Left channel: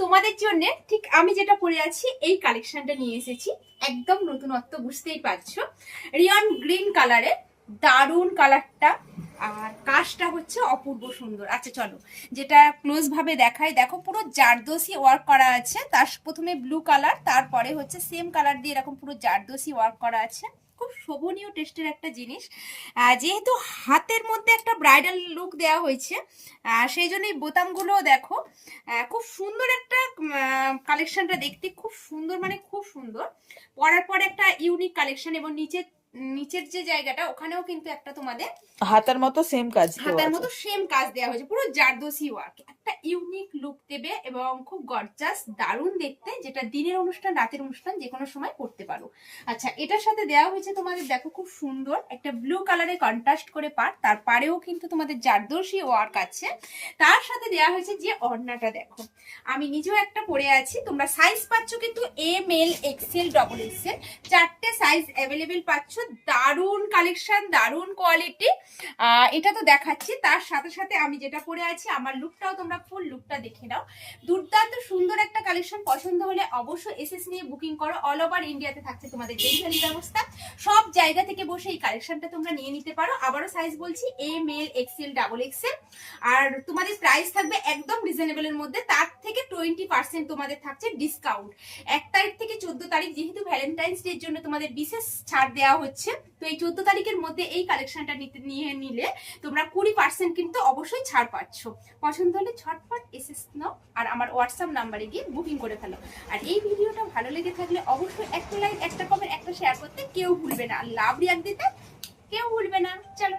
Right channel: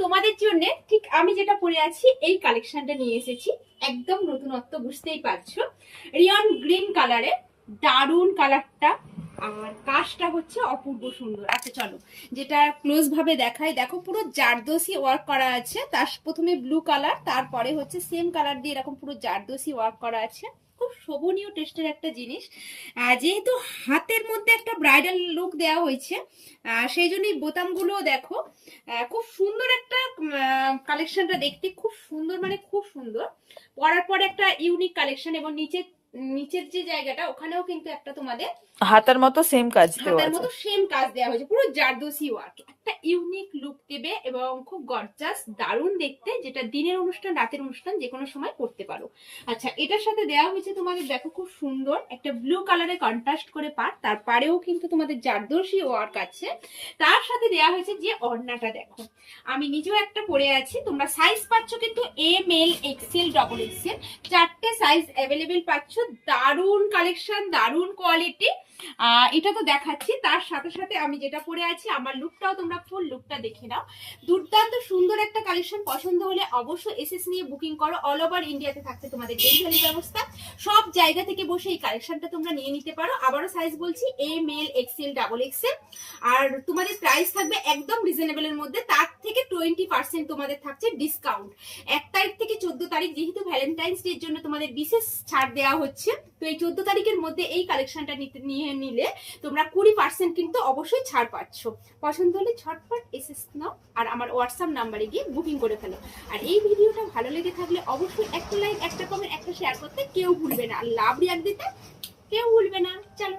তোমাদের জন্য ঠিক আমি যেটা পরে আছি এই কালেকশনটা নিয়ে এসেছি। একদম নতুনত্ব, বুঝতেই পারছো, রিয়ন গ্রিন কালারে, দারুন কালারটা। আর কাজটা হচ্ছে অপূর্ব সুন্দর। আচ্ছা চলো যেটা ক্লোজ ভাবে দেখাই। দেখো পুরো জারদোসি ওয়ার্ক করা আছে, তার প্রথমে ব্লু কালার, তারপরে হচ্ছে সেম কালার দিয়ে এরকম পুরো জারদোসি ওয়ার্ক করা আছে। খুব শোভনীয় টেস্টের একটা জিনিস। যেহেতু হাতের মধ্যে একটা ব্রাইডাল লুক দেওয়া হয়েছে, সেই জন্যই বোতামগুলো দেখো খুব সুন্দর একটা কালেকশনটা দেখতে খুব সুন্দর, মানে খুব সুন্দর। পরার পর একটা ইউনিক কালেকশন। এবং নিচের যে জায়গাটা ওখানেও কিন্তু একটা তোমাদের হাতার মতো সেম কাজ দেওয়া হাতার আছে। মতো সেম কাজ দেওয়া হয়েছে, পুরো জারদোসি ওয়ার্ক। একটা ইউনিক লুক দেবে এবং খুব গর্জাস, দারুণ দেখতে, যেটা দিনের অনুষ্ঠান রাতের অনুষ্ঠান যে কোনো সময় পড়তে পারো। আচ্ছা এটার সাথে দেওয়া হয়েছে তোমাদের, দেখো খুব সুন্দর একটা ব্লু কালারে কন্ট্রাস্ট করে পার, তার পাড়েও কিন্তু তোমাদের জারদোসি ওয়ার্ক আছে। তার সাথে দেওয়া হয়েছে যে ওড়নাটা, দেখো আমি নিজেও একটা পরে আছি। তোমরা সাইজ পাচ্ছ কিন্তু M L XL double XL, চারটে সাইজ অ্যাভেলেবেল পাচ্ছ। দারুণ কালেকশন, দারুণ কোয়ালিটি। এটা তো দেখাচ্ছি, তার সাথে সাথে আমি যেটা পরে আছি আমার লুকটাও তোমরা ফুল লুকটা দেখে নাও। দুর্দান্ত সুন্দর একটা কালেকশন। পছন্দ হলে অবশ্যই এসএস নিয়ে বুকিং করো। অল ওভার ইন্ডিয়াতে থাকছে তোমাদের ডেলিভারি ব্যবস্থা, সব জায়গা থেকে বসে এই কালেকশনটা তোমরা নিয়ে নিতে পারো। আবারও সাইজ বলছি M L XL double XL. আর তোমাদের প্রাইস থাকবে একদম রিজনেবলের মধ্যে, তার থেকে 20% তোমাদের থাকছে ডিসকাউন্ট। 1 তারিখ থেকে 14 তারিখ, যেহেতু ভ্যালেন্টাইন্স ডে এর জন্য তোমাদের বিশেষ ছাড় দেওয়া হচ্ছে। তো এই 14 তারিখের মধ্যে এই কালেকশনটা নিয়ে নিলে তোমরা 20% কিন্তু অবশ্যই ছাড় পাচ্ছ। পছন্দ হলে ঝটপট এসএস নাও আর আমার হোয়াটসঅ্যাপ নাম্বারে গিয়ে বুকিং করে ফেলো। আর এই ভিডিওটা ভালো লেগে থাকলে অবশ্যই একটা লাইক, একটা কমেন্ট, একটা শেয়ার করতে কেউ ভুলবে না। লাভ রিয়াক্ট দিতে কেউ ভুলবে না। চলো।